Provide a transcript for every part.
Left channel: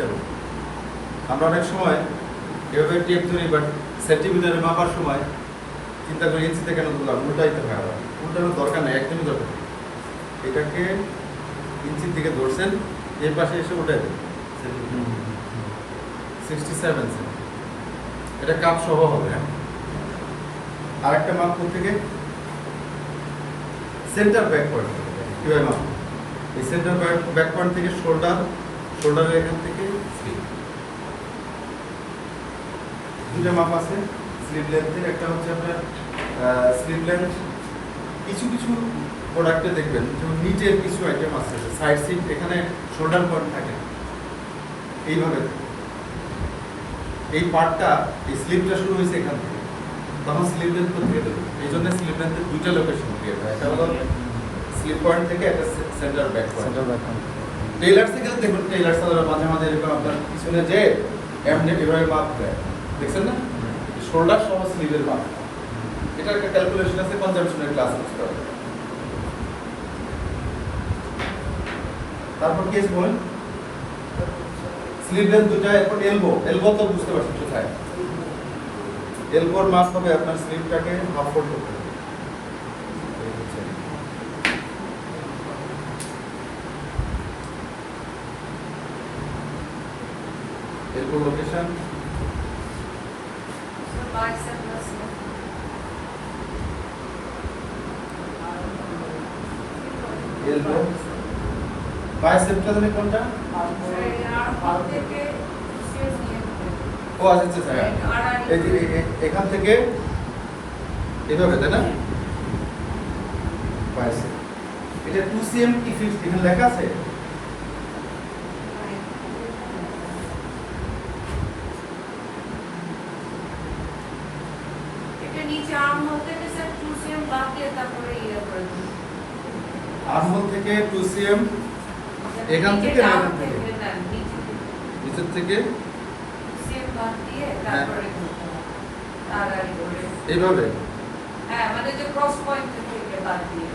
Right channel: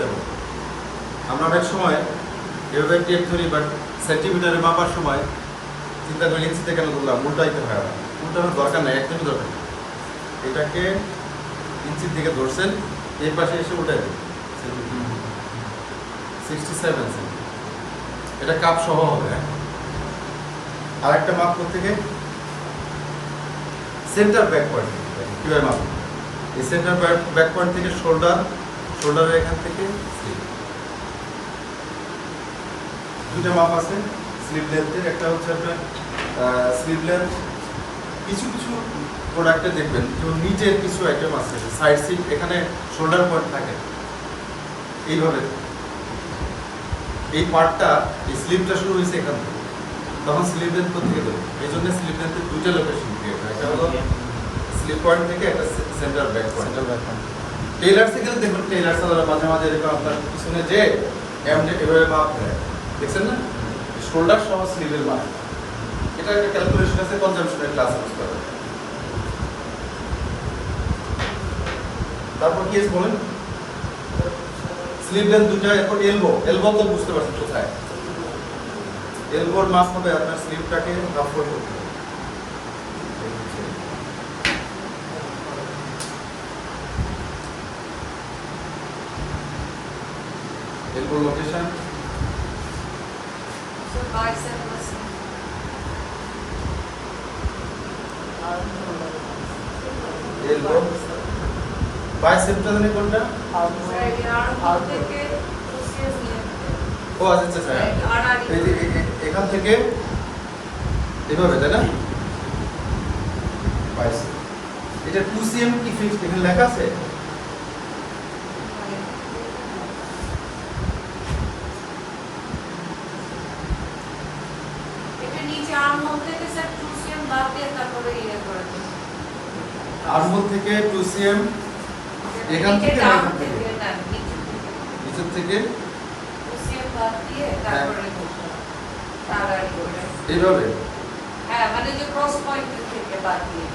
67। আমরা অনেক সময় এভাবে টেপ ধরি বা সেন্টিমিটারে মাপার সময় চিন্তা করি ইঞ্চিতে কেন ধরলাম, উল্টাইতে হয় আবার। উল্টানোর দরকার নেই, একদমই দরকার নেই। এটাকে ইঞ্চির দিকে ধরছেন, এই পাশে এসে উল্টাই দেবেন 67 সেন্ট। এটা কাপ সহ হবে। হ্যাঁ, আর একটা মাপ করতে গিয়ে সেন্টার ব্যাক পয়েন্ট কীভাবে মাপ, এই সেন্টার ব্যাক পয়েন্ট থেকে শোল্ডারের এখান থেকে স্লিপ, দুটো মাপ আছে স্লিভ লেন্থের। একটা হচ্ছে আপনার স্লিভ লেন্থ, কিছু কিছু প্রোডাক্টে দেখবেন যেমন নিচের কিছু আইটেম আছে সাইড সিট, এখানে শোল্ডার পয়েন্ট থাকে এইভাবে। এই পার্টটা, এই স্লিভটা শুরু হয়েছে এখান থেকে, তখন স্লিভ লেন্থ থেকে দেবে। এই জন্য স্লিভ লেন্থের দুইটা লোকেশন দিয়ে দেয়, একটা হলো স্লিভ পয়েন্ট থেকে, একটা সেন্টার ব্যাক পয়েন্ট। টেইলার থেকে দেখবেন, টেইলার সালোয়ার মাঝে মাঝে এরকম আপনার পিছনে যে এমনি এভাবে মাপ দেয়, দেখছেন না, শোল্ডার সহ স্লিভের মাপ। এটা একটা ক্যালকুলেশন আছে, কনজাম্পশনের ক্লাস ইউজ করা। তারপর কি আছে বলেন, স্লিভ লেন্থ দুটা। এখন এলবো তো বুঝতে পারছেন কোথায়, এলবোর মাপ হবে আপনার স্লিভটাকে হাফ ফোল্ড করতে হবে। এলবোর লোকেশন এলবো বাইসেপটা জানেন কোনটা? ও আচ্ছা স্যার, এই যে এখান থেকে এইভাবে, তাই না? বাইসেপ, এটা 2 cm কি ফিট এখানে লেখা আছে? এটা নিচে আর্মহোল থেকে স্যার 2 cm বাদ দিয়ে তারপরে ইয়ে করে দিন। আর্মহোল থেকে 2 cm, এখান থেকে না এখান থেকে? নিচের থেকে 2 cm বাদ দিয়ে তারপরে এইভাবে। হ্যাঁ, মানে যে ক্রস পয়েন্ট থেকে বাদ দিয়ে,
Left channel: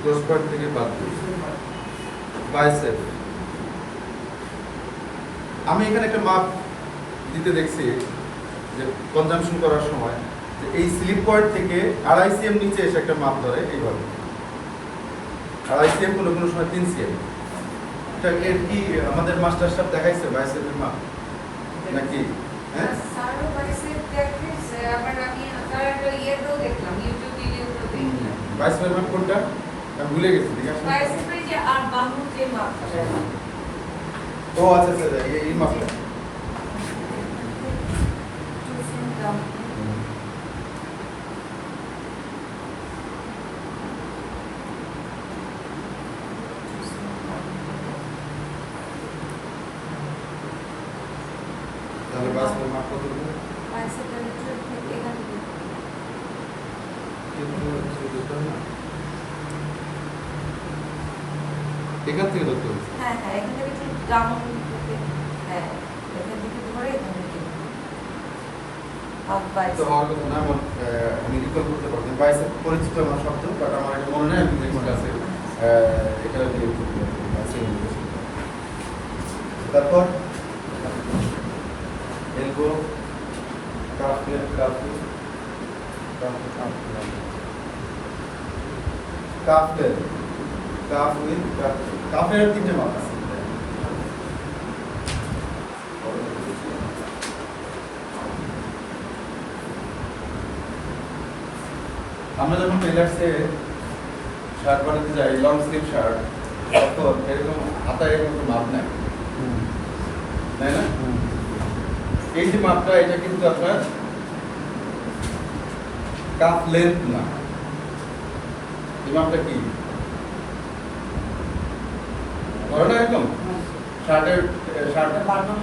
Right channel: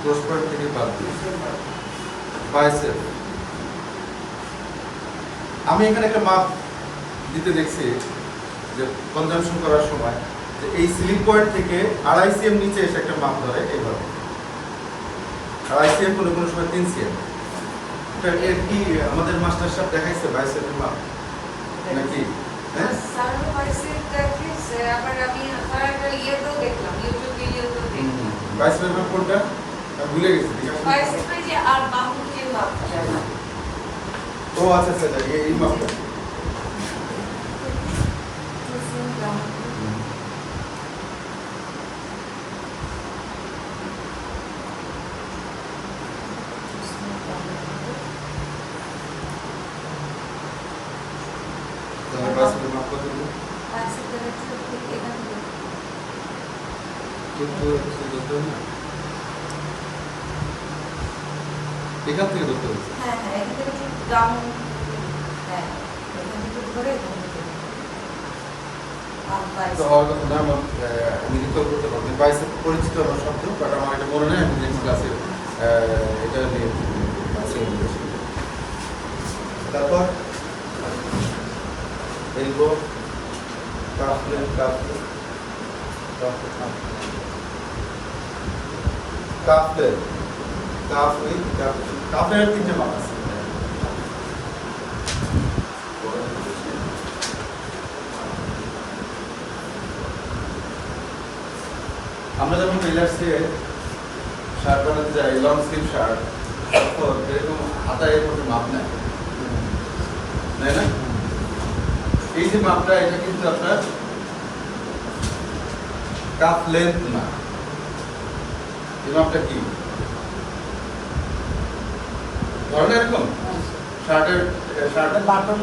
ক্রস পয়েন্ট থেকে বাদ দিয়ে বাইসেপ। আমি এখানে একটা মাপ দিতে দেখছি যে কনজাম্পশন করার সময়, যে এই স্লিপ পয়েন্ট থেকে 2.5 cm নিচে এসে একটা মাপ ধরে এইভাবে, 2.5 cm, কোনো কোনো সময় 3 cm। এটা কি আমাদের মাস্টার সাহেব দেখাইছে বাইসেপের মাপ নাকি? হ্যাঁ, স্যার বাইসেপ দেখেছে, আবার আমি স্যার একটা ইয়েও দেখলাম, ইউটিউবে দেখলাম বাইসেপের মাপ কোনটা আমি ভুলে গেছি। বাইসেপে যে আর বাহু যে মাপটা। ও আচ্ছা আচ্ছা, এই মাপটা। তাহলে বাইসেপের মাপ কত দেবো? বাইসেপের ঠিক এখান থেকে এখান থেকে ধরতে হবে। হ্যাঁ হ্যাঁ, এখান থেকে ঠিক ডাউন, হ্যাঁ এখান থেকে ধরে এখান থেকে আর তো বাইসেপ। হওয়ার কথা না, আমি রিকল করতে পারবো। বাইসেপ পরিচিত আমার শব্দ, বাট আমার এটা মনে নেই। আমি নেক্সট ক্লাসে এটা নিয়ে আছে। তারপর elbow, calf length, calf with কাফের 3টে মাপ আছে। আমরা যখন টেইলার্সে শার্ট বানাতে যাই, লং স্লিভ শার্ট, তখন এরকম হাতা এর মতো মাপ নেয়, তাই না? এই যে মাপটা, এটা কিন্তু আপনার কাফ লেন্থ না। এই মাপটা কি ধরেন এরকম শার্টের বাটন,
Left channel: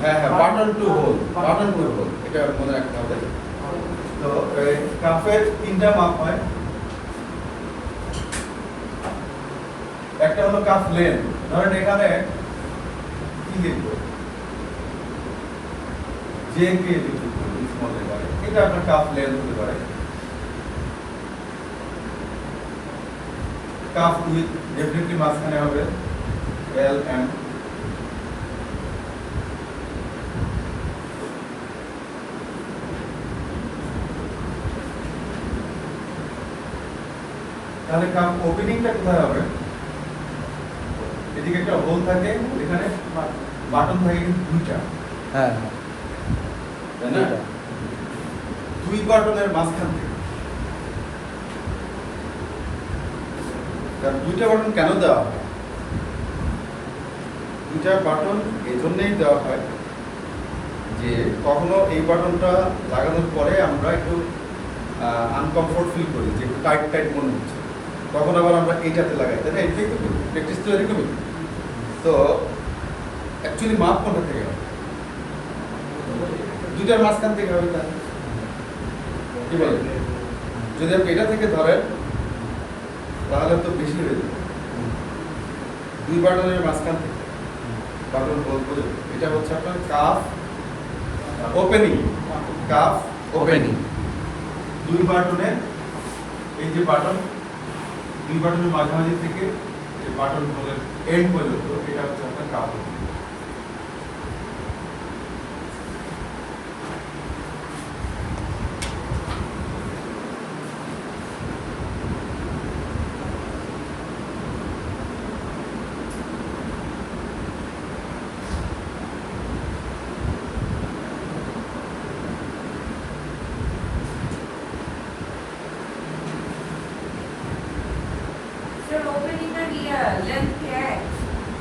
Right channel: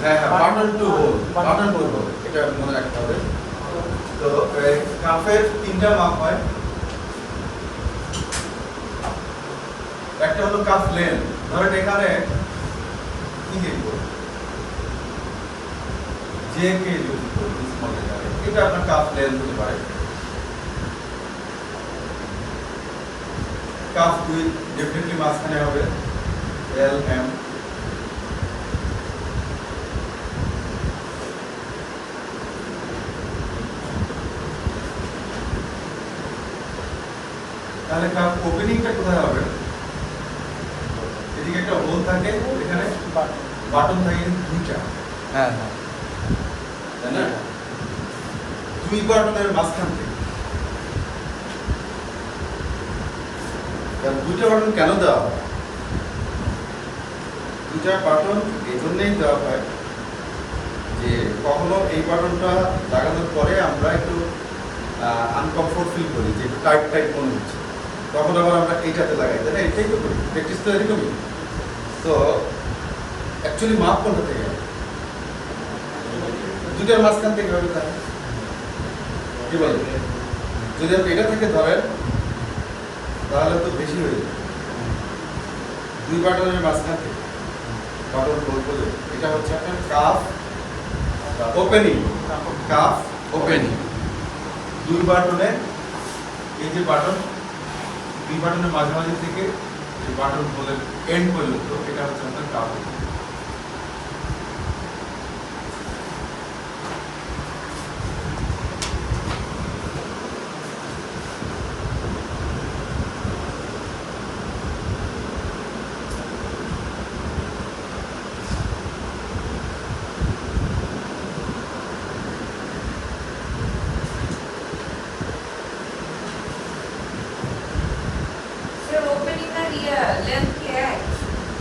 হ্যাঁ হ্যাঁ, বাটন টু হোল, এটা মনে রাখতে হবে। তো কাফের 3টা মাপ হয়। একটা হলো কাফ লেন্থ, ধরেন এখানে কি লিখবো, যে কে লিখবো, এটা আপনার কাফ লেন্থ হতে পারে। কাফ উইথ ডেফিনেটলি মাঝখানে হবে এল এম, তাহলে কাপ ওপেনিংটা কোথায় হবে? এদিকে একটা হোল থাকে, এখানে বাটন থাকে দুইটা, হ্যাঁ তাই না? দুই বাটনের মাঝখান থেকে, কারণ দুইটা বাটন কেন দেওয়া হয়? দুইটা বাটন এই জন্যই দেওয়া হয় যে কখনো এই বাটনটা লাগানোর পরে আমরা একটু আনকমফোর্ট ফিল করি, যে একটু টাইট টাইট মনে হচ্ছে, তখন আবার আমরা এইটাতে লাগাই, তাই না? এটাই তো করি, প্র্যাকটিস তো এরকমই। তো অ্যাকচুয়ালি মাপ কোনটা থেকে হবে? দুইটার মাঝখান থেকে হবে, তাই কি বলেন? যদি আপনি এটা থেকে ধরেন তাহলে তো বেশি হয়ে যাবে। দুই বাটনের মাঝখান থেকে বাটন হোল করে, এটা হচ্ছে আপনার কাফ ওপেনিং, কাফ ওপেনিং। দুই বাটনে, এই যে বাটন, দুই বাটনের মাঝামাঝি থেকে এই বাটন হোলের এন্ড পর্যন্ত, এটা হচ্ছে আপনার কাফ ওপেনিং। স্যার ওপেনিং আর লেন্থ কি এক?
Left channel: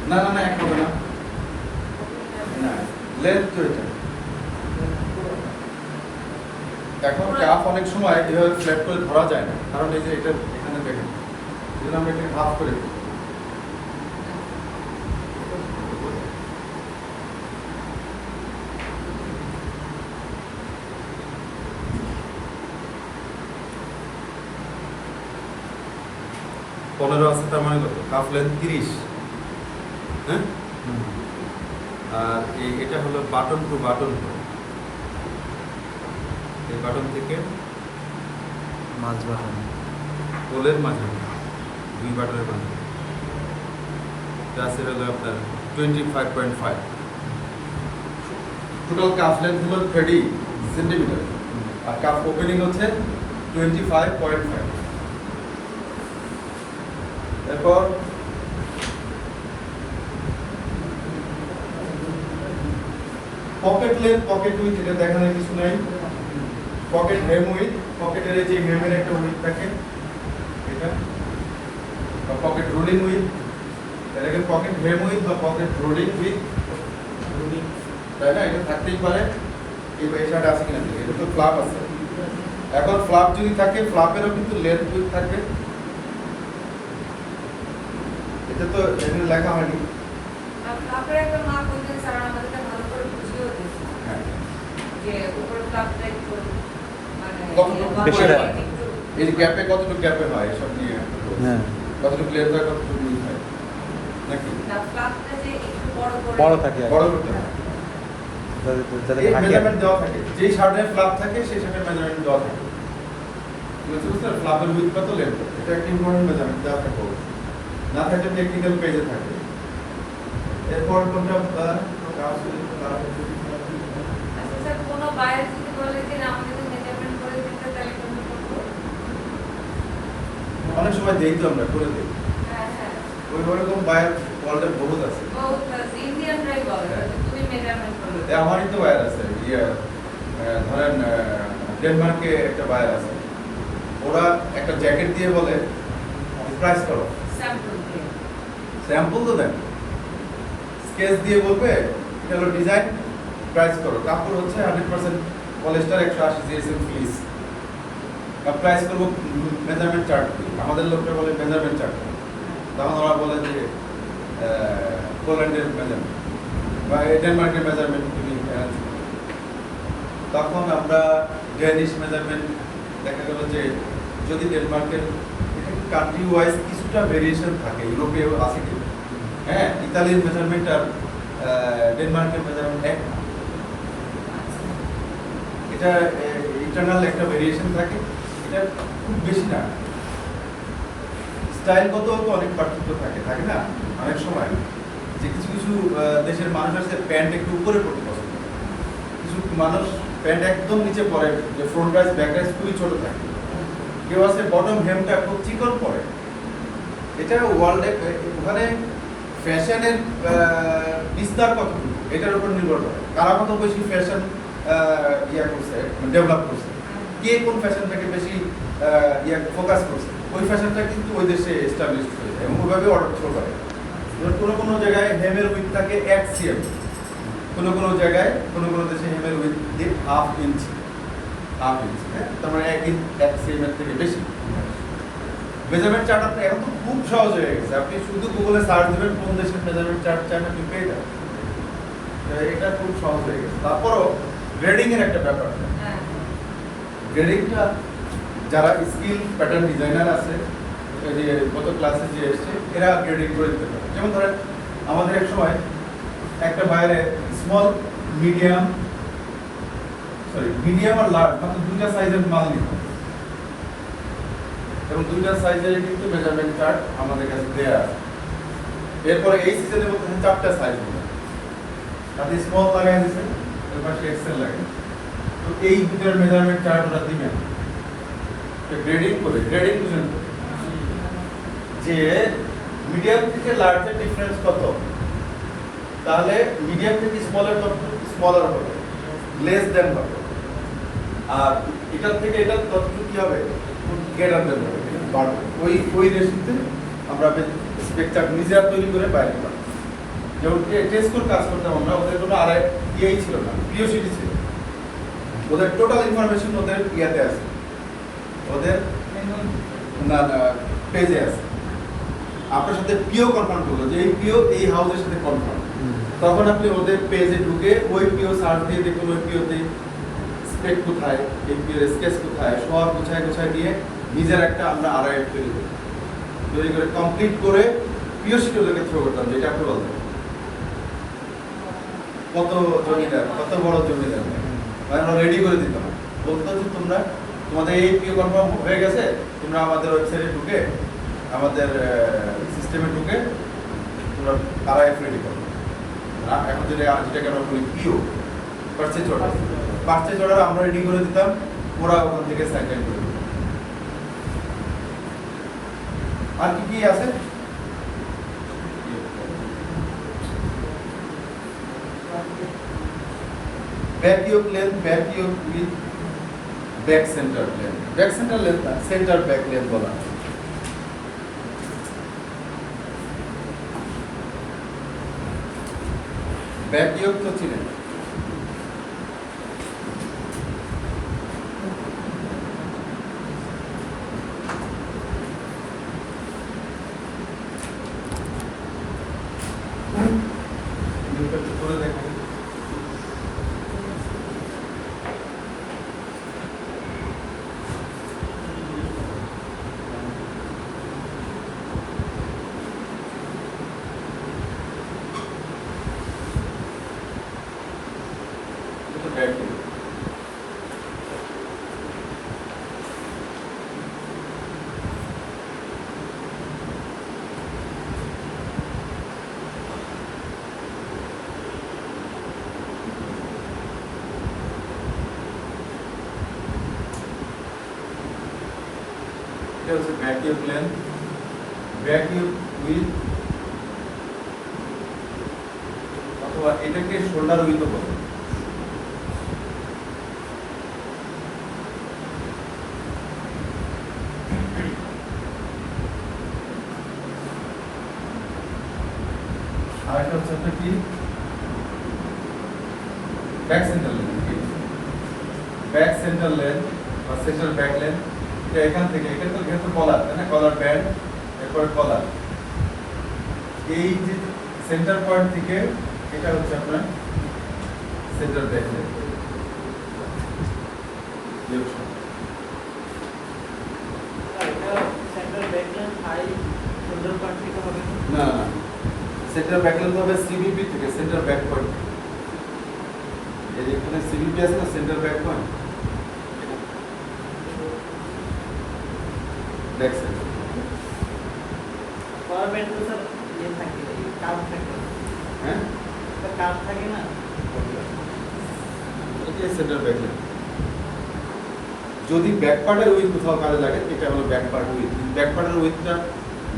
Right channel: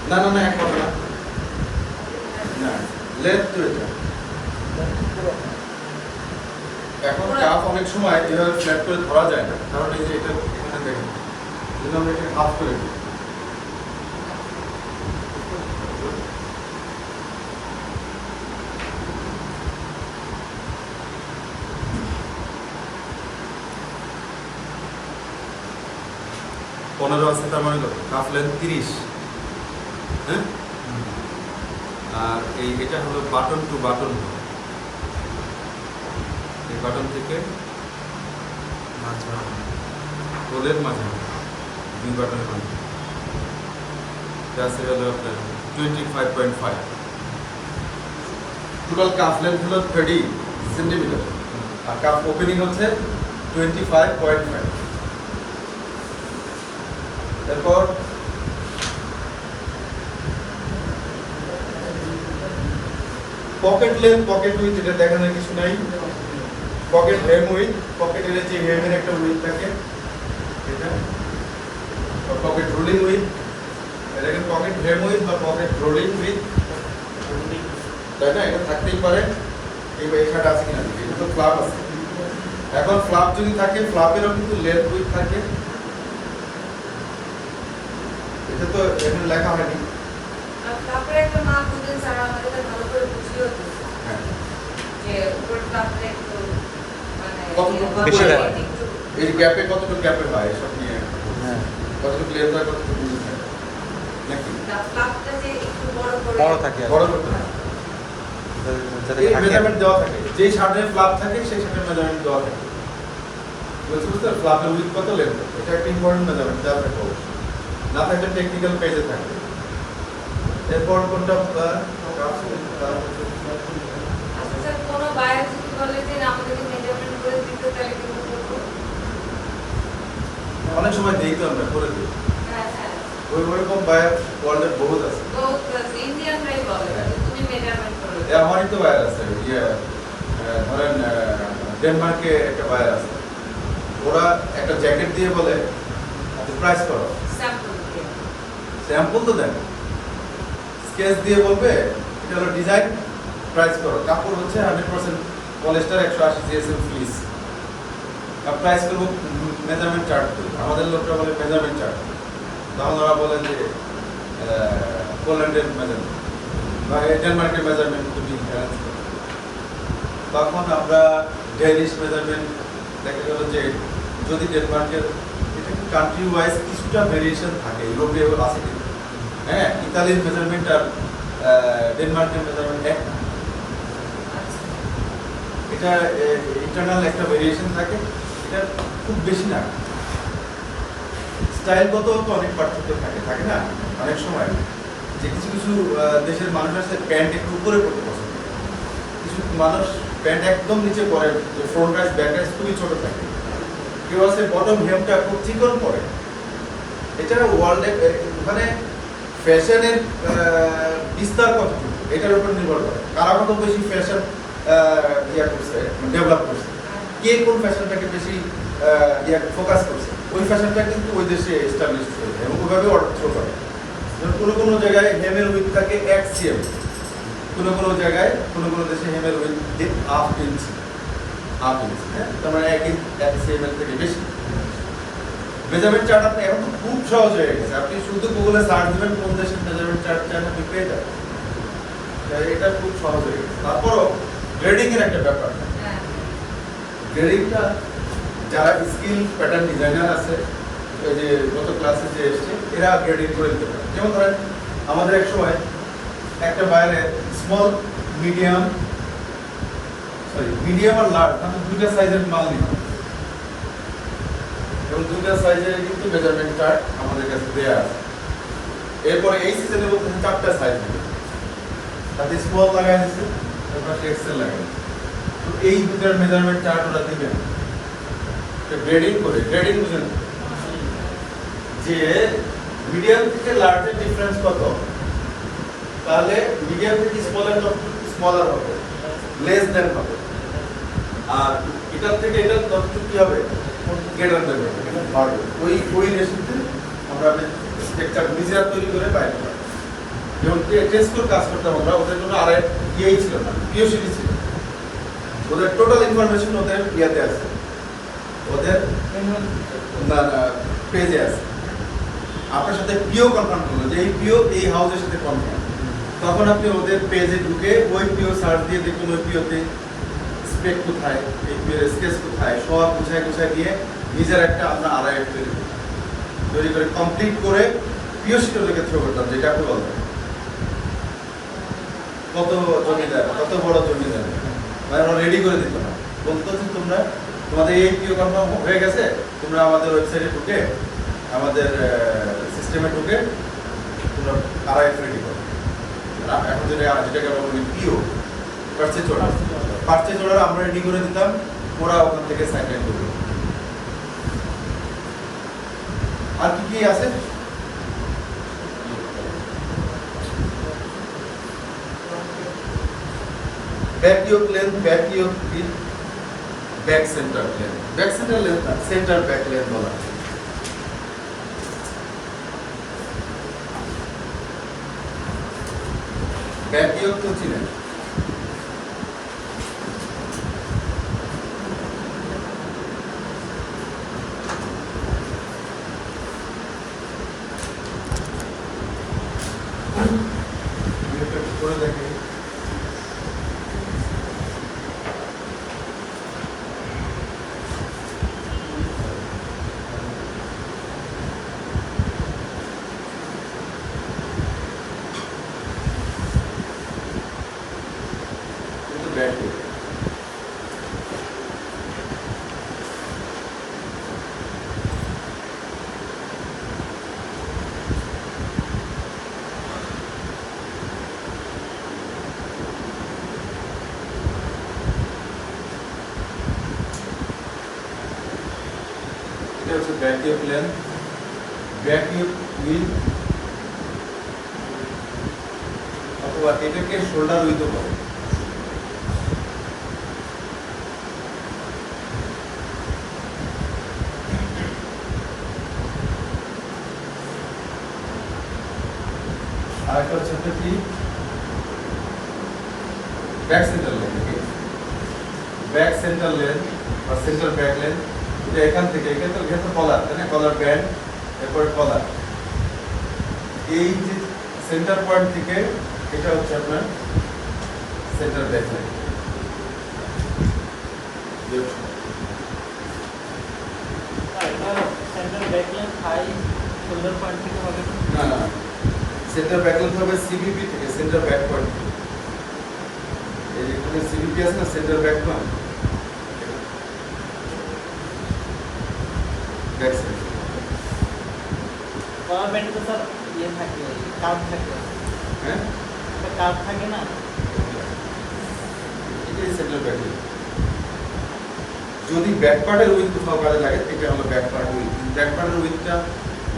না না না, এক হবে না, না লেন্থ তো এটা। এখন কাপ অনেক সময় এভাবে ফ্ল্যাট করে ধরা যায় না, কারণ এই যে এটা এখানে দেখেন, যদি আমরা এখানে হাফ করে দিই, পনেরো আছে, তার মানে কত? হাফ লেন্থ 30, হ্যাঁ? আর এটা হলো বাটন টু বাটন, এই বাটন থেকে মাঝ বাটন, হোলের মাঝে, দুই বাটনের মাঝে আছে হলো আপনার 25.5। টোটাল কাফ লেন্থ হলো 30 সেন্টিমিটার, আর কাফ ওপেনিং হচ্ছে 25.5। এরপর পকেট লেন্থ, পকেট উইথ, এটা দেখানোর কিছু নাই। পকেট হেম উইথ, পকেটের যে হেমের একটা উইথ থাকে এটা, পকেট রোলিং উইথ, এটাকে পকেট হেম উইথ বা পকেট রোলিং উইথ, তাই না? এটা থাকতেই পারে। এই এখানে আছে কিনা দেখি, এটা তো ফ্লাপ আছে। এখন ফ্লাপ যদি থাকে, ফ্লাপেরও কিন্তু লেন্থ উইথ থাকে, এটা তো এখানে লেখা হয়নি। আর তারপরে একটা মা বলছেন স্যার আমাকে তো ভালো করে বুঝিয়ে দিন হ্যাঁ, যে উপর ক্লাবটা একটু মানে কতটুকু বেশি করে হয়? এই গ্যাপে কতটুকু গ্যাপে হয় এসব নিয়ে, কতটুকু লেন্থ হয়, কতটুকু উইথ হয় নাকি ক্লাবটা যে একটু বড় বড় থাকে আর কি। বড় করতে হয়। যাতে এই ঢাকি আর কি। মেজারমেন্ট দেওয়া থাকে, যেই শার্টের ফ্লাপ থাকে সেই শার্টের মেজারমেন্ট দেওয়া থাকে। বুঝতে বুঝতে ফ্লাপের উইথ কত, লেন্থ কত, এটা একটা ইম্পর্টেন্ট মেজারমেন্ট দেওয়া থাকে অবশ্যই। না থাকলে টেকনিক্যাল পেজে থাকে। এরপর কোনটা আচ্ছা স্যার কোনো বাইরে যদি বলে যে না আমাদেরকে মেজারমেন্ট করে দিতে তাহলে কিন্তু করবো। অনেক সময় দেই তো আমরা করে দিই, হ্যাঁ হ্যাঁ ওই ওরকম বায়ার ওয়ার্ল্ডে বহুত আছে। তো ইন্ডিয়ানরাই বলে যে তুমি মেজারমেন্ট করে এ আমারই তো বায়ার আছে, ধরেন ডেনমার্কে একটা বায়ার আছে, ওরা একটা জ্যাকেট দিয়ে বলে আপনি প্রাইস করো, স্যাম্পল দিয়ে স্যাম্পল তো দেন, স্কেচ দিয়ে বলবে এটা হলো ডিজাইন, প্রাইস করো। কাপড় হচ্ছে 100% পলিস্টার, 180 জিএসএম ফ্লিস। প্রাইস করবো মেজারমেন্ট চার্ট দিয়ে, আমাদের লোকটা বলে মেজারমেন্ট চার্ট, তখন ওরা বলে যে পোল্যান্ডের মেজারমেন্ট বা ডেনমার্কের মেজারমেন্ট তুমি fancy করো। তখন আমরা ডেনিশ মেজারমেন্ট, দেখা গেল যে যদি ডেনমার্কের কান্ট্রি ওয়াইজ কিছুটা ভেরিয়েশন থাকে, ইউরোপীয় আছে কিন্তু, হ্যাঁ, ইতালির মেজারমেন্ট আর ডেনমার্কের মেজারমেন্ট এক না, এটা ইন্টারনাল একটা ভেরিয়েশন থাকে, এটা খুব বেশি না। স্টাইলগত তো অনেক পার্থক্য থাকে, থাকে না অনেক সময়, যে কিছু কিছু দেশের মানুষ আছে প্যান্ট একটু উপরে পড়তে পছন্দ করে, কিছু মানুষ প্যান্ট একদম নিচে পরে, যে ফ্রন্ট রাইজ ব্যাক রাইজ খুবই ছোট থাকে, কেউ আছে বটম হেমটা খুব চিকন পরে, এটা ওয়ার্ল্ডে ওখানে ফ্যাশনের বিস্তার কতটুকু এটার উপর নির্ভর করে কারা কত বেশি ফ্যাশন ইয়া করছে ডেভেলপ করছে কে কোন ফ্যাশনটাকে বেশি ফোকাস করছে ওই ফ্যাশনটা কিন্তু ওই দেশে এস্টাবলিশ হয়েছে এবং ওইভাবে অর্ডার করে কোনো কোনো জায়গায় হেমের উইথ থাকে 1 cm কোনো কোনো জায়গায় কোনো দেশে হেমের উইথ 1/2 ইঞ্চি হ্যাঁ তার মানে 1 cm এর থেকে বেশি মেজারমেন্ট চার্ট আপনি এখন তো খুব সহজ হয়ে গেছে আপনি শুধু গুগলে সার্চ দিবেন কোন দেশের মেজারমেন্ট চার্ট চান আপনি পেয়ে যাবেন এটা খুব সহজ হয়ে গেছে তারপরও গ্রেডিং এর একটা ব্যাপার গ্রেডিংটা যারা স্কিল প্যাটার্ন ডিজাইনার আছে এই যে গত ক্লাসে যে এসছে এরা গ্রেডিং করে দিতে পারে যেমন ধরেন আমাদের এক সময় একটা বাইরে স্মল মিডিয়াম আর লার্জ মানে দুইটা সাইজের মাল নিতে এবং দুইটা সাইজের কিন্তু মেজারমেন্ট চার্ট আমাদের কাছে দেয়া আছে এরপরে এই সিজনে বলতে 4টা সাইজ দিবে তাতে স্মল লাগাই দিছে এর পাশে এক্সেল লাগাই তো এই দুটোর মেজারমেন্ট চার্ট ওরা দিবে গ্রেডিং করে গ্রেডিং বুঝেন যে মিডিয়াম থেকে লার্জের ডিফারেন্স কত তাহলে মিডিয়াম থেকে স্মলার কত স্মলার হবে লেস দেন হবে আর এটার থেকে এটা কতটুকু কি হবে গ্রেটার দেন হবে বাড়বে ওই রেশিওতে আমরা স্ট্রাকচার নিজেরা তৈরি করে বাইরে পাবো যেমন টেস্ট করে কাজ করতে আমরা ওদের কোনো আর ইয়েই ছিল না পিওসিটি ছিল ওদের টোটাল ইনফরমেশন ওদের ইয়াতে আছে ওদের না পেজে আছে আপনার সাথে পিও কনফার্ম করলো যে এই পিও এই হাউসের সাথে কনফার্ম তখন আপনি ওদের পেজে ঢুকে ওই পিও সার্চ দিয়ে দেখুন ওই পিওতে স্পেক কোথায় এই পিওর স্কেচ কোথায় সব গুছায় দিয়ে নিজের একটা আমরা আরআইএফ তৈরি করে কমপ্লিট করে পিও শিটে ওদেরকে থ্রো করতাম যেটা আপনি বলতেন কত জমিদার কত বড় জমিদার আমরা রেডি করে দিতাম বলতো যে তোমরা তোমাদের এই পিও কনফার্ম হয়ে গেছে তোমরা আমাদের ওয়েবসাইটে ঢুকে আমাদের সিস্টেমে ঢুকে তোমরা আরআইএফ রেডি করো এখন যেটাকে আমরা বলি পিও পার্চেজ অর্ডার আমরা রেডি করে দিতাম ওরা ওখান থেকে সাইন দিত আর কি আছে back yoke length back yoke with back centre length centre back length বলা ব্যাক ইয়োক তো ছিলেন করে দেখি बैटरी बैटरी प्लेन बैटरी व्हील अथवा এটাকে শোল্ডার উইথও বলে আর একটা হচ্ছে কি back centre length back centre length বা সেন্টার ব্যাক লেন এটা এখান থেকে এখানে তো ভেতর কলার তাই না কলার ব্যান্ড এরপর কলার এই যে সেন্টার পয়েন্ট থেকে এটা হচ্ছে আপনার centre back lane centre back lane high over point থেকে হবে না সেন্টার ব্যাক লেন হবে সিবিপি থেকে সেন্টার ব্যাক পয়েন্ট এই যে এখানে সিবিপি আছে না centre back point back centre collar band তো স্যার ইয়ে থাকে কাপ থাকে হ্যাঁ কাপ থাকে না এটা সেন্টার ব্যাক লেন যদি ব্যাক পার্টের উইথ কোথাও কাজে লাগে এটা হলো ব্যাক পার্ট উইথ ব্যাক পার্টের উইথটা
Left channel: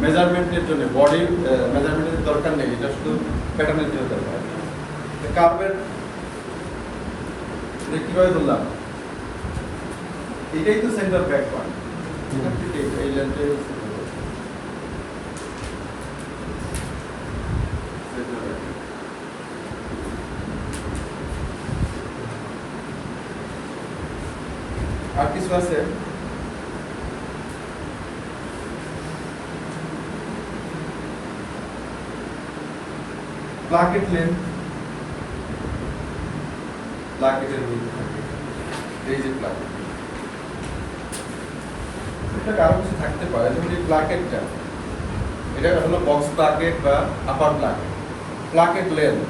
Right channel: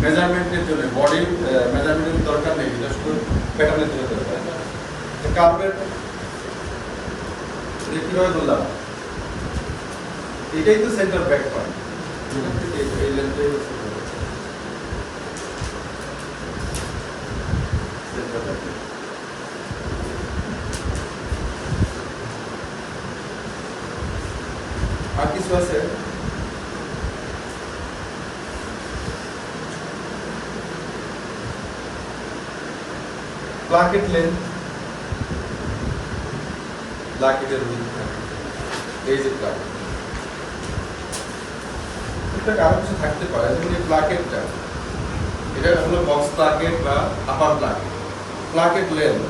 মেজারমেন্টের জন্য, বডি মেজারমেন্টের দরকার নেই, এটা শুধু প্যাটার্নের জন্য দরকার। কার্ভের এটা কীভাবে ধরলাম, এটাই তো সেন্টার ব্যাক পয়েন্ট, এই লেন্থটাই হচ্ছে আর কিছু আছে। প্লাকেট লেন্থ, প্লাকেটের এই যে প্লাকেট, এটা আরো কিছু থাকতে পারে, যেমন এই প্লাকেটটা, এটা হলো বক্স প্লাকেট বা আপার প্লাকেট। প্লাকেট লেন্থ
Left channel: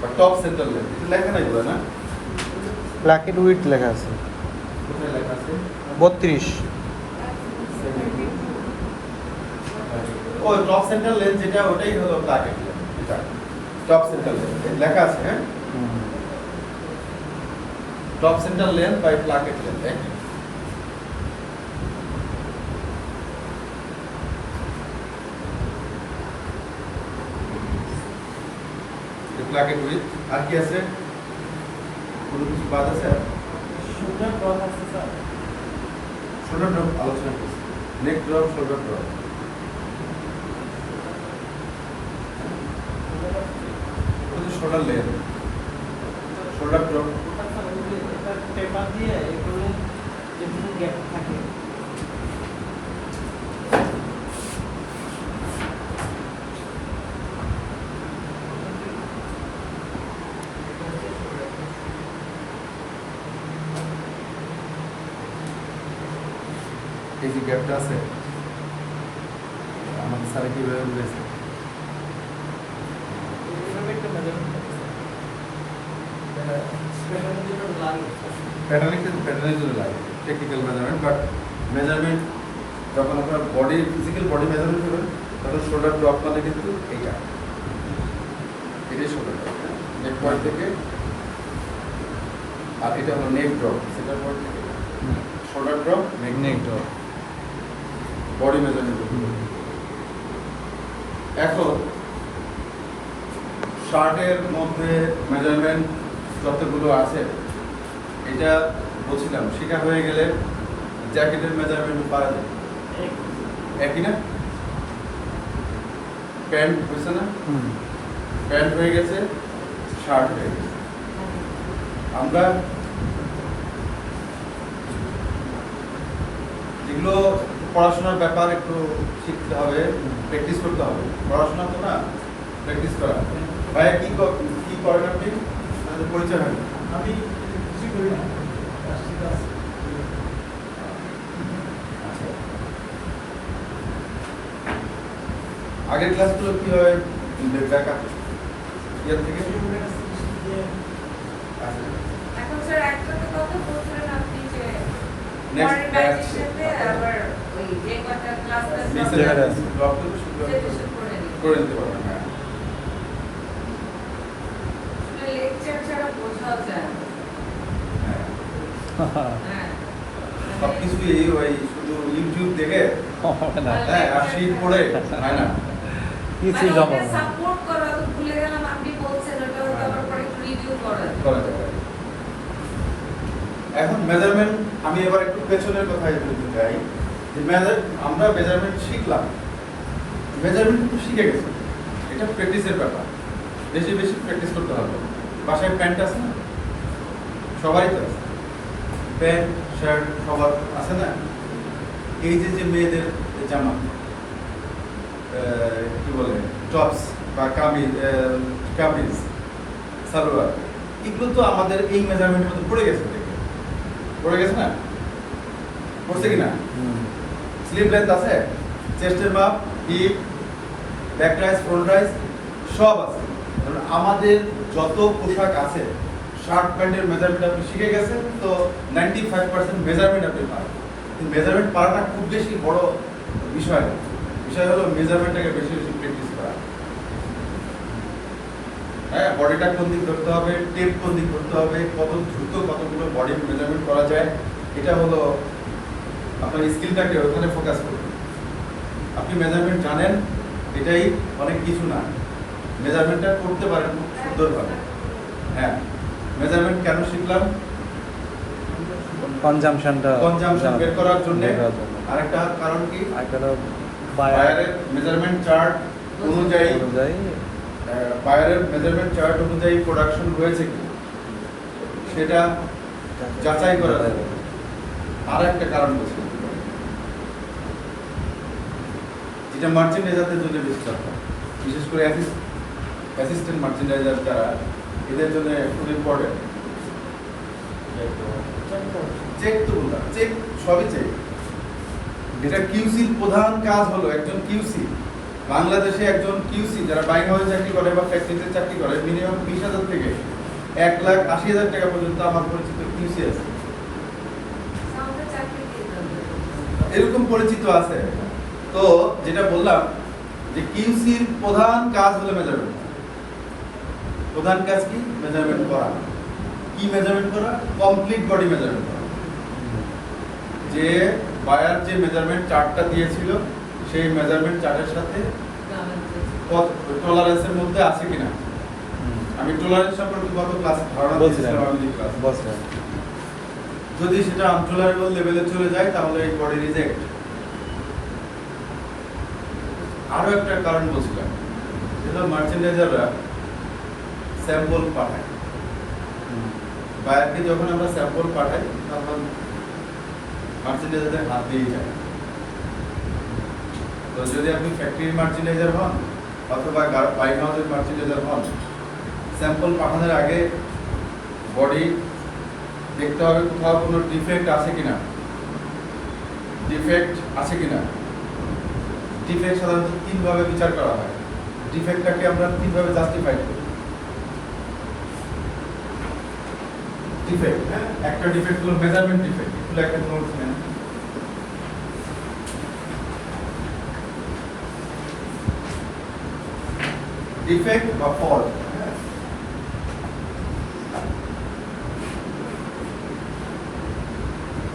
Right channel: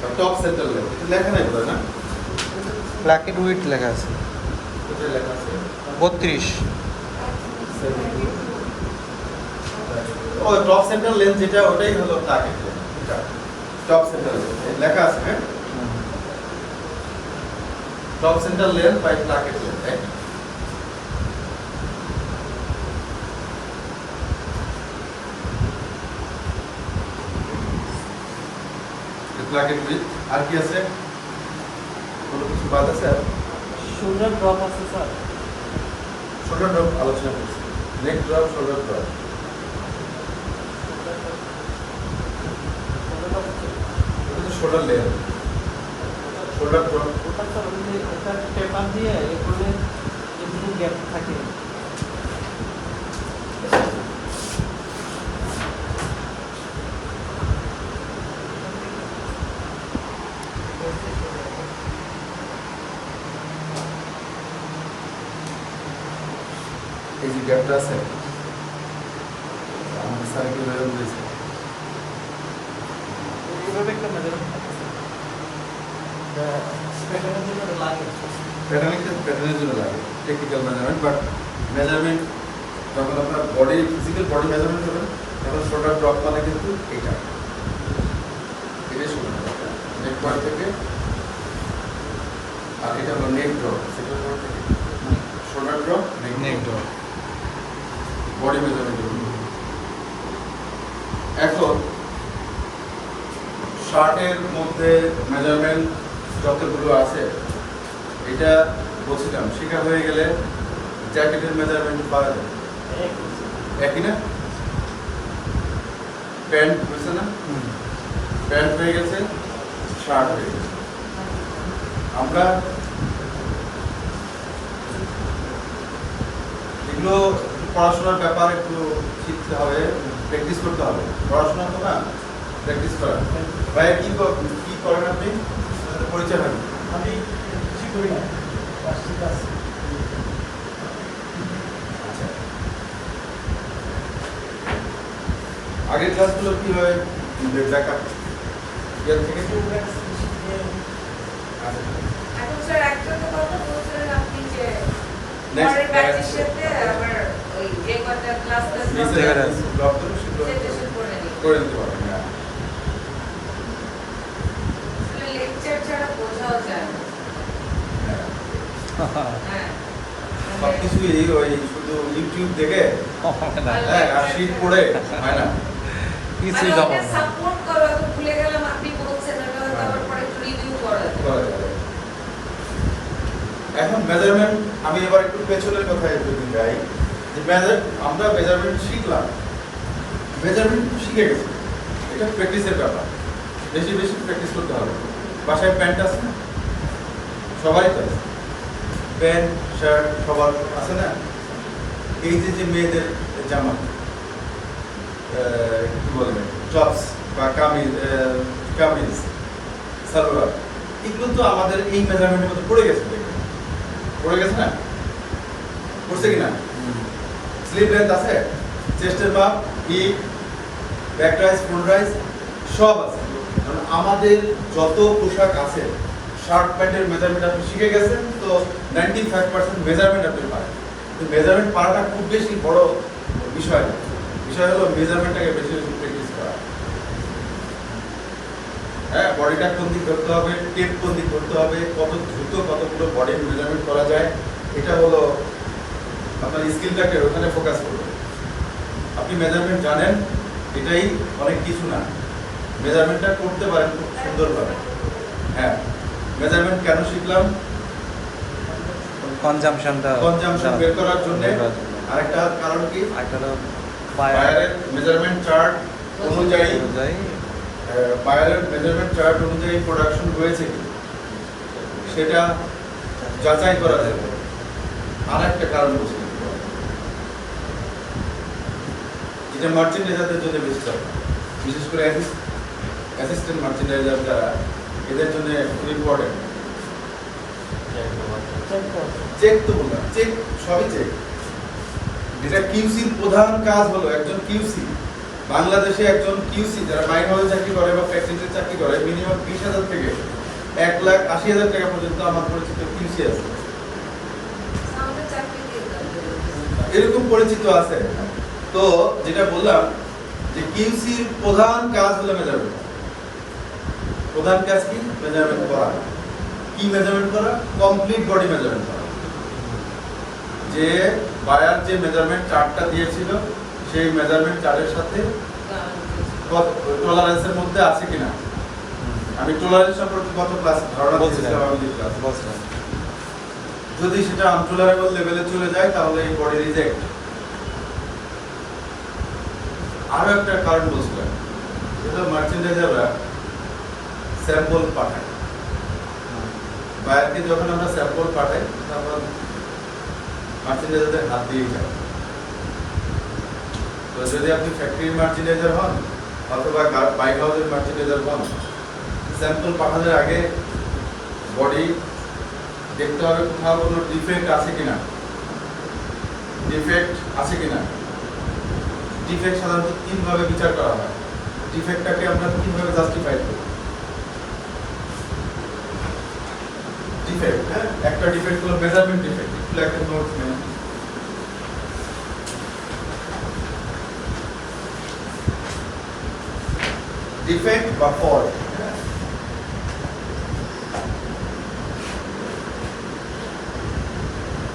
বা টপ সেন্টার লেন্থ, এটা লেখা নাই বলে না? প্লাকেট উইথ লেখা আছে কোথায় লেখা আছে? 32। ও টপ সেন্টার লেন্থ যেটা, ওটাই হলো প্লাকেট লেন্থ। এটা টপ সেন্টার লেন্থ লেখা আছে, হ্যাঁ। Top centre length by placket length, একই। প্লাকেট উইথ আর কি আছে? কোনো কিছু বাদ আছে? আর শোল্ডার ড্রপ আছে স্যার। শোল্ডার ড্রপ আলোচনা করছি, neck drop, shoulder drop. Shoulder length, shoulder drop একটা পেপার দিয়ে এগুলো এগুলো গ্যাপ থাকে। এই যে গ্যাপটা আছে, আমাদের স্যারে কিভাবে বুঝেছে? প্যাটার্নের জন্য লাগে টেকনিক্যাল মেজারমেন্ট, বাট মেজারমেন্ট যখন আপনার বডি ফিজিক্যাল বডি মেজারমেন্ট করবেন, তখন শোল্ডার ড্রপ মানে কিন্তু এইটা, এটাই শোল্ডার ড্রপ, নেক পয়েন্ট থেকে। আর এটা হলো নেক ড্রপ, সেটার পর থেকে শোল্ডার ড্রপ, নেক ড্রপ, বডি মেজারমেন্ট। এখন শার্টের মধ্যে মেজারমেন্ট যতগুলো আছে, এটা বলছিলাম শেখা হয়ে গেলে জ্যাকেটের মেজারমেন্ট পাওয়া যায়, একই না? প্যান্ট হয়েছে না, প্যান্ট হয়ে গেছে, শার্ট হয়ে গেছে। আমরা এগুলো পড়াশোনার ব্যাপার, একটু শিখতে হবে, প্র্যাকটিস করতে হবে। পড়াশোনা তো না, প্র্যাকটিস করা। ভাইয়া কি করেন আপনি? পরিচয় হয়। আমি কিছু করি না। আচ্ছা, আগের ক্লাসগুলো কিভাবে দেখা ইয়ার থেকে? আচ্ছা, এখন স্যার একটা কথা বলছিলেন আপনি যে Next মডার্নাইজেশনকে আবার ওই যে কয়েকটা ক্লাস নিচে ব্লক করে সেগুলো করে নিতে পারবেন। হ্যাঁ, লেকচার ছাড়া বোঝাও যায় না। হ্যাঁ, হ্যাঁ সব কিছুই ওই শুধু ইউটিউব দেখে, না হ্যাঁ, আর শীট পড়ে হয় না। কিছুই জমা না। সাপোর্ট করো, তো ভুলে গেলাম আপনি বলছেন ওটা হয়তো আবার পরে রিভিউ করা যায়। করা যাবে। এখন মেজারমেন্ট, আমি এবার একটু পেছনের কথায় বলতে চাই যে আমরা মেজারমেন্ট শিখলাম, মেজারমেন্ট তো শিখে গেছি, এটা প্র্যাকটিসের ব্যাপার, বেশি বেশি প্র্যাকটিস করতে হবে। বাসায় প্যান্ট আছে না? সবারই তো আছে, প্যান্ট শার্ট সবার আছে না? এই যে মেয়েদের জামা, কি বলে, টপস বা কামিজ, সালোয়ার, এগুলো তো আমাদের এই মেজারমেন্টের মধ্যে পড়ে গেছে না? পড়ছে কিনা? স্লিভ লেন্থ আছে, চেস্টের মাপ, hip, back rise, front rise সব আছে। কারণ আমাদের যত পোশাক আছে, শার্ট প্যান্টের মেজারমেন্ট আপনি শিখে গেছেন, তো 95% মেজারমেন্ট আপনি পারেন। মেজারমেন্ট পারাটা খুব বেশি বড় বিষয় না, বিষয় হলো মেজারমেন্টটাকে বেশি বেশি প্র্যাকটিস করা। হ্যাঁ, বডিটা কোন দিক ধরতে হবে, টেপ কোন দিক ধরতে হবে, কত দ্রুত কতগুলো বডি মেজারমেন্ট করা যায়, এটা হলো আপনার স্কিলটাকে ওখানে ফোকাস করবে। আপনি মেজারমেন্ট জানেন, এটাই অনেক কিছু না। মেজারমেন্টটা করতে পারেন খুব সুন্দরভাবে। হ্যাঁ, মেজারমেন্ট কেন শিখলাম? কনজামশনটা কনজাম্পশন বের করার জন্য। আরেকটা কারণ কি? আরেকটা হলো বায়ারের মেজারমেন্ট চার্ট অনুযায়ী অনুযায়ী বায়ারের মেজারমেন্ট চার্ট অনুযায়ী প্রোডাকশন হয়েছে কি সেটা যাচাই করা যাবে। আর একটা কারণ বলছি, যেটা মার্চেন্ডাইজারদের জন্য বেশি দরকার, বিশেষ করে অ্যাসিস্ট্যান্ট মার্চেন্ডাইজার যারা, এদের জন্য খুব ইম্পর্টেন্ট। চেক তো বললাম, চেক সবই চেক। যেটা কিউসির প্রধান কাজ হলো, একজন কিউসি বাংলাদেশে একজন কিউসি যারা বাইক হাউসে চাকরি করে বা ফ্যাক্টরিতে চাকরি করে, মিনিমাম 20,000 থেকে 1,80,000 টাকা পর্যন্ত আমার পরিচিত কিউসি আছে। আমাদের চাকরিতে এরকম পরিচিত আছে। তো যেটা বললাম যে কিউসির প্রধান কাজ হলো মেজারমেন্ট। প্রধান কাজ কি? মেজারমেন্ট করা। কি মেজারমেন্ট করা? কমপ্লিট বডি মেজারমেন্ট করা। যে বায়ার যে মেজারমেন্ট চার্টটা দিয়েছিল সেই মেজারমেন্ট চার্টের সাথে টলারেন্সের মধ্যে আছে কিনা। আমি টলারেন্স সম্পর্কে গত ক্লাস ধারণা বলছিলাম যদি সেটা আনটলারেবল লেভেলে চলে যায় তাহলে এই বডি রিজেক্ট। আরো একটা কারণ বলছিলাম, যেটা মার্চেন্ডাইজাররা স্যাম্পল পাঠায়। বায়ারকে যখন আমরা স্যাম্পল পাঠাই তখন মার্চেন্ডাইজারদের হাত দিয়ে যায়। তো যদি আপনি ফ্যাক্টরির মার্চেন্ডাইজার হন অথবা বাইক হাউসের মার্চেন্ডাইজার হন, স্যাম্পল পাঠানোর আগে বডি দেখতে হবে কোথাও কোনো ডিফেক্ট আছে কিনা। ডিফেক্ট আছে কিনা। ডিফেক্ট সাধারণত তিনভাবে বিচার করা হয়। ডিফেক্টটাকে আমরা তিনভাবে জাস্টিফাই করি। ডিফেক্ট, হ্যাঁ, একটা ডিফেক্ট হলো মেজারমেন্ট ডিফেক্ট। একটু একটা নোট নেন। ডিফেক্ট বা ফল্ট,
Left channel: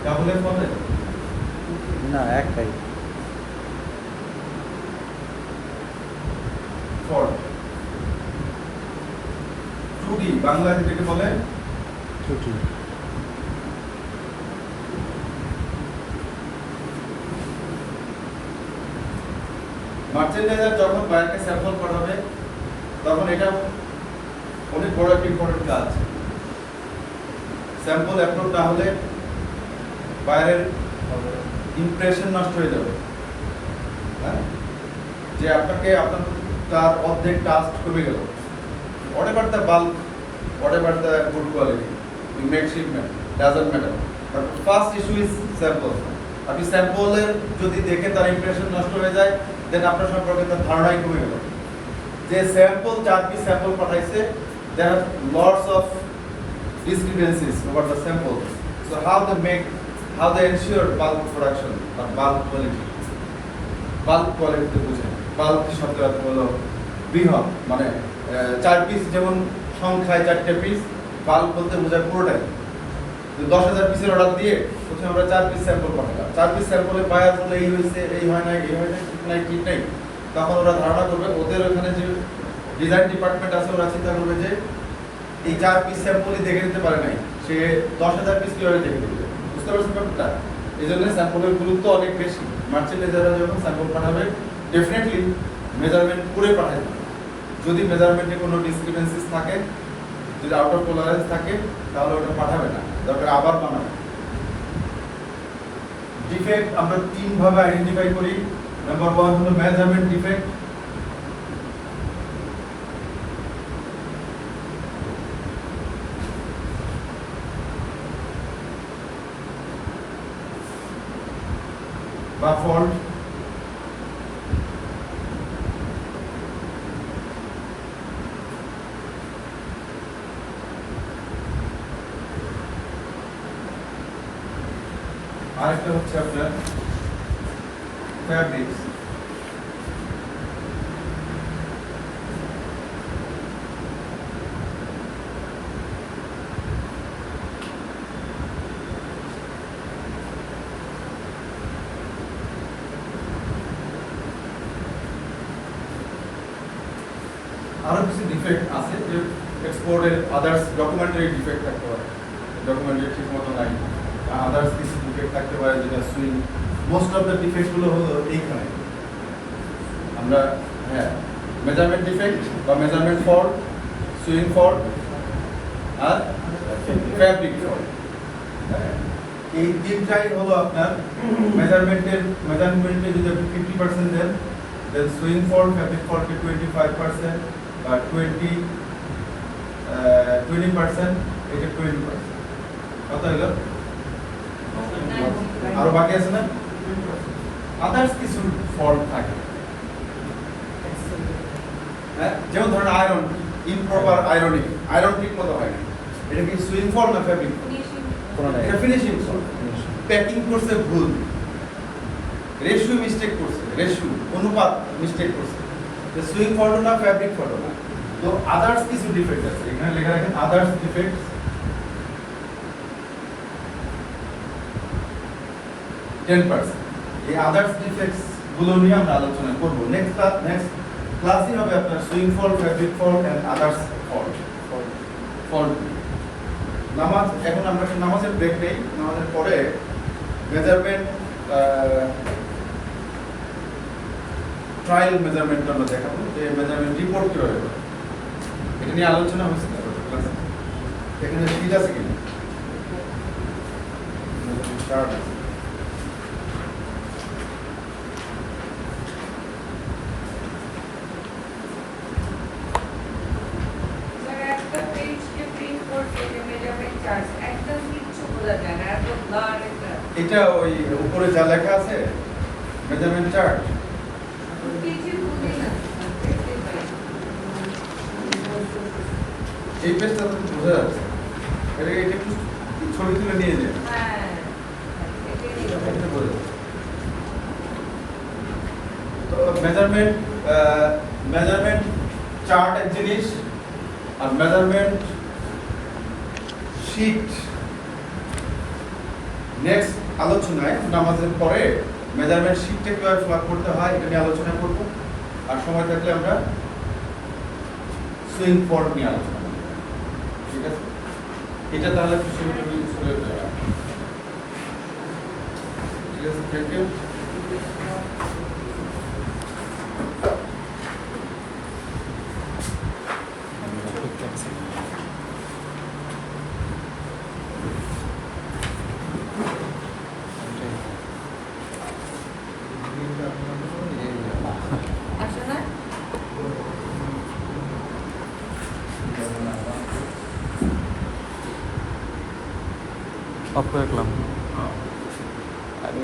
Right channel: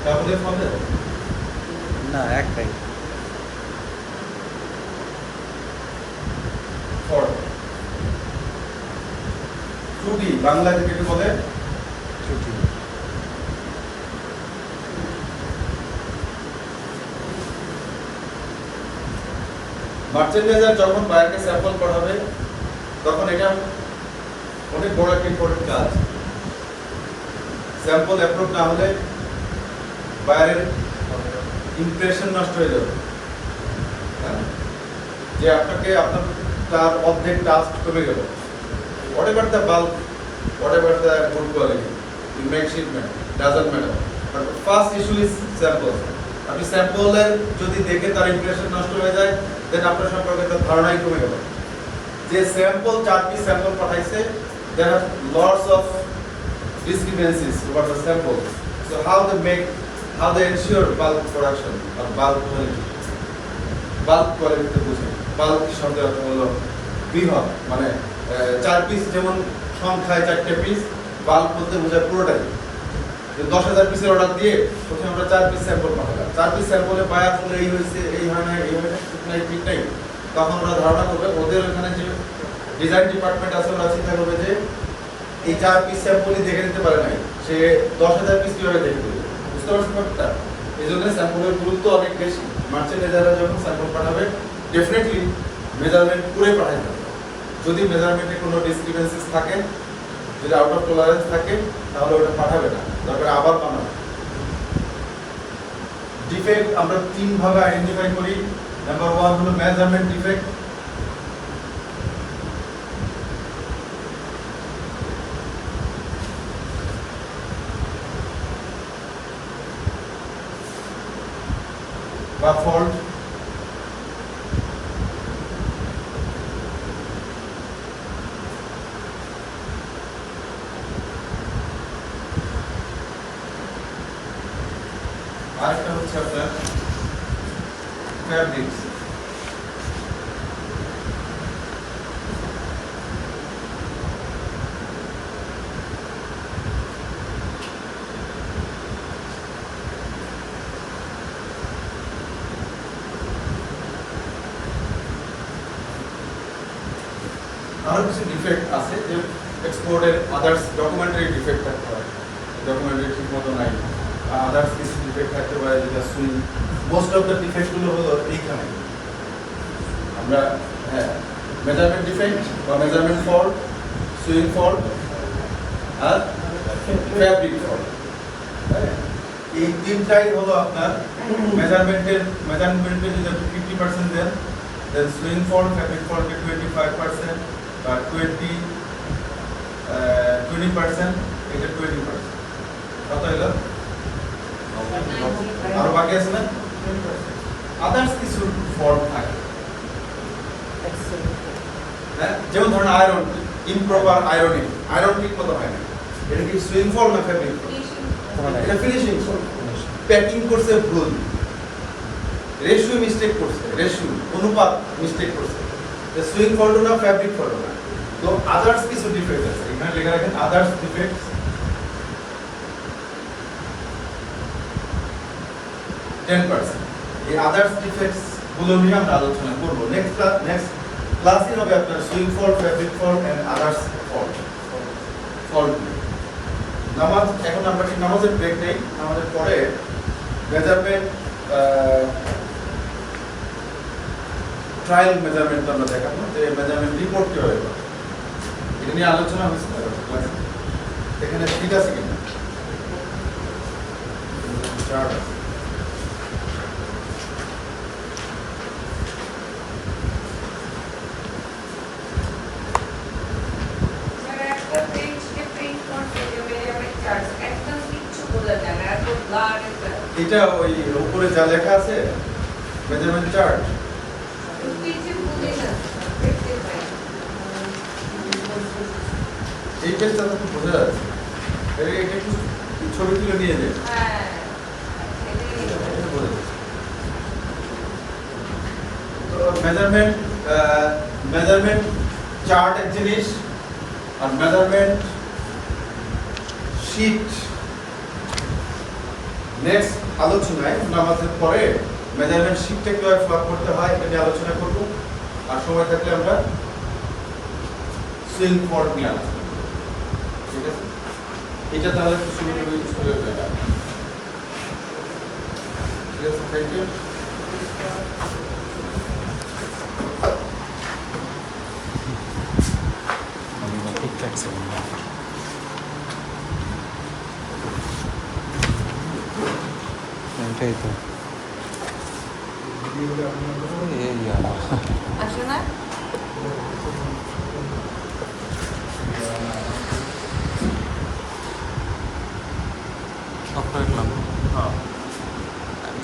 তাহলে হবে না একটাই ফল্ট। ত্রুটি বাংলাতে যেটাকে বলে ত্রুটি। মার্চেন্ডাইজার যখন বায়ারকে স্যাম্পল পড়াবে তখন এটা অনেক বড় একটা ইম্পর্টেন্ট কাজ। স্যাম্পল অ্যাপ্রুভ না হলে বায়ারের ইমপ্রেশন নষ্ট হয়ে যাবে। হ্যাঁ, যে আপনাকে আপনার তার অর্ধেক টাস্ক কমে গেল। whatever the bulk, whatever the good quality, you make shipment, doesn't matter. But first issue is sample. আপনি স্যাম্পলের যদি দেখে তার ইমপ্রেশন নষ্ট হয়ে যায়, দেন আপনার সম্পর্কে তার ধারণাই কমে গেল। যে স্যাম্পল 4 পিস স্যাম্পল পাঠাইছে, there are lots of discrepancies about the sample. So how they ensure bulk production or bulk quality. Bulk quality তে বুঝেন, bulk শব্দ হলো বৃহৎ, মানে 4 পিস যেমন সংখ্যায় 4টে পিস, বাল্ক বলতে বোঝায় পুরোটাই। 10,000 পিসের অর্ডার দিয়ে প্রথমে আমরা 4 পিস স্যাম্পল পাঠালাম। 4 পিস স্যাম্পলে বায়ার বলে এই হয়েছে, এই হয় না, এই হয় না, ঠিক নাই। তখন ওরা ধারণা করবে, ওদের ওখানে যে ডিজাইন ডিপার্টমেন্ট আছে ওরা চিন্তা করবে যে এই 4 পিস স্যাম্পলই দেখে নিতে পারে নাই, সে 10,000 পিস কিভাবে দেখে দেবে। বুঝতে পারছেন ব্যাপারটা? এই জন্য স্যাম্পলের গুরুত্ব অনেক বেশি। মার্চেন্ডাইজাররা যখন স্যাম্পল পাঠাবে ডেফিনেটলি মেজারমেন্ট পুরো পাঠাতে হবে। যদি মেজারমেন্টে কোনো ডিসক্রিপেন্সিস থাকে, যদি আউট অফ টলারেন্স থাকে, তাহলে ওটা পাঠাবে না, দরকার আবার বানাবে। ডিফেক্ট আমরা 3 ভাবে আইডেন্টিফাই করি। নাম্বার 1 হলো মেজারমেন্ট ডিফেক্ট। বা ফল্ট। আরেকটা হচ্ছে আপনার ফ্যাব্রিক্স। আরো কিছু ডিফেক্ট আছে যে এক্সপোর্টের আদার্স ডকুমেন্টারি ডিফেক্ট থাকতে পারে, ডকুমেন্টারি ঠিক মতো নাই, আদার্স কিছু ডিফেক্ট থাকতে পারে যেটা সুইং। মোস্ট অফ দ্য ডিফেক্টগুলো হলো এইখানে। আমরা হ্যাঁ মেজারমেন্ট ডিফেক্ট বা মেজারমেন্ট ফল্ট, সুইং ফল্ট আর ফ্যাব্রিক ফল্ট, এই তিনটাই হলো আপনার মেজারমেন্টে যদি আপনি 50% দেন, দেন সুইং ফল্ট ফ্যাব্রিক ফল্টে 25% বা 20% এটা 20%। কত হলো? আরো বাকি আছে না? আদার্স কিছু ফল্ট থাকে, হ্যাঁ, যেমন ধরেন আয়রন, ইমপ্রপার আয়রনিং, আয়রন ঠিক মতো হয় না। এটা কি সুইং ফল্ট না ফ্যাব্রিক ফল্ট? এটা ফিনিশিং ফল্ট। প্যাকিং করছে ভুল, রেশিও মিস্টেক করছে, রেশিও অনুপাত মিস্টেক করছে, সুইং ফল্ট না ফ্যাব্রিক ফল্ট না। তো আদার্স কিছু ডিফেক্ট আছে, এখানে লেখা রাখেন আদার্স ডিফেক্ট। এই আদার্স ডিফেক্টস গুলো নিয়ে আমরা আলোচনা করব নেক্সট ক্লাসে হবে আপনার sewing fault, fabric fault and others fault. নামাজ, এখন আমরা কি নামাজের ব্রেক নেই, নামাজের পরে মেজারমেন্ট ট্রায়াল মেজারমেন্ট আমরা দেখাবো যে মেজারমেন্ট রিপোর্ট কিভাবে হবে, এটা নিয়ে আলোচনা হয়েছে ক্লাসে। এখানে ঠিক আছে কিনা চার্ট আছে। এটা ওই উপরে যা লেখা আছে মেজারমেন্ট চার্ট, এই পেজটা তো বোঝা যাচ্ছে, এটা একটু ছবি তুলে নিয়ে যাবে। তো মেজারমেন্ট চার্ট এক জিনিস, আর মেজারমেন্ট শীট নেক্সট আলোচনায় নামাজের পরে মেজারমেন্ট শীটটা কিভাবে ফ্লট করতে হয় এটা নিয়ে আলোচনা করব। আর সময় থাকলে আমরা সুইং ফল্ট নিয়ে আলোচনা করব, ঠিক আছে? এটা তাহলে ছবি চলে যাবে, ঠিক আছে? Thank you. ঠিকঠাক ছিল। এটাই তো এই আসলে অফ করে রাখলাম। হ্যাঁ আমি